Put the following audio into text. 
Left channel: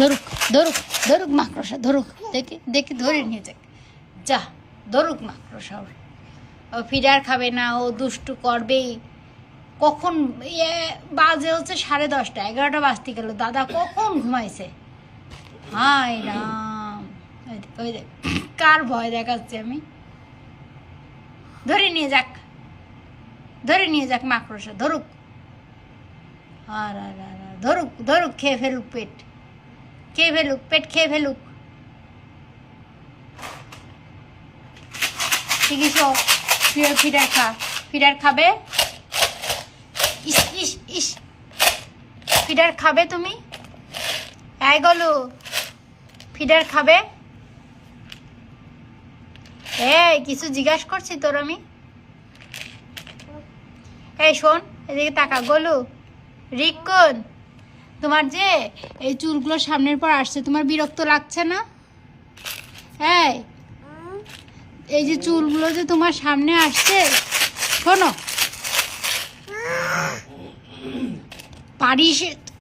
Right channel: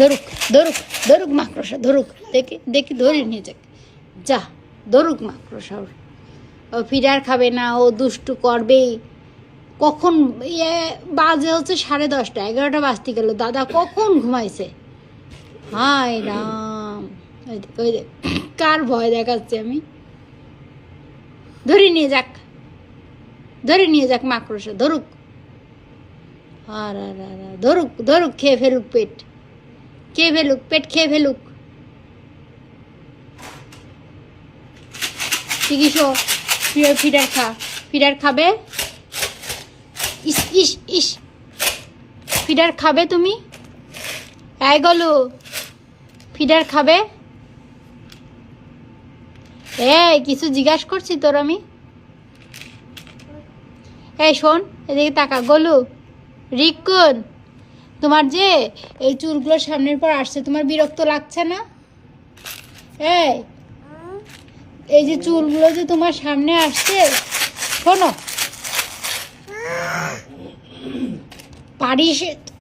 ধরুক ধরুক ধরুক মাকড়সা, ধরুক, দেখি দেখি ধরে নিয়ে যাক, যা ধরুক মাকড়সা। ও ফিডার খাবে না, ও দুষ্টু করবেই। কখন বাজে হচ্ছে 10:30, 11টা বাজতে গেল, দাদা কখন ঘুমাইছে। হায় রাম, কার ভয় দেখাচ্ছে আমি। ধরে নিয়ে যাক, ধরে নিয়ে যাক মাকড়সা, ধরুক। আর ধরুক ধরুক, খেয়ে ফেলুক পেট, খেয়ে ফেলুক পেট, খেয়ে ফেলুক। ফিডার খা, ফিডার খাবে। ইস ইস ইস, ফিডার খাবে তুমি? এই গলু, ফিডার খাবে? কিছু জিজ্ঞাসা করছি তোর আমি। এই শোন, এদিকে তাকা। গলু, রিকন, তোমার যে এই চুলগুলো সামনের পর আসছে, তোমার বিরক্ত লাগছে না? এই যে চুলগুলো যে তোমার সামনে আসছে, শোনো, পারিস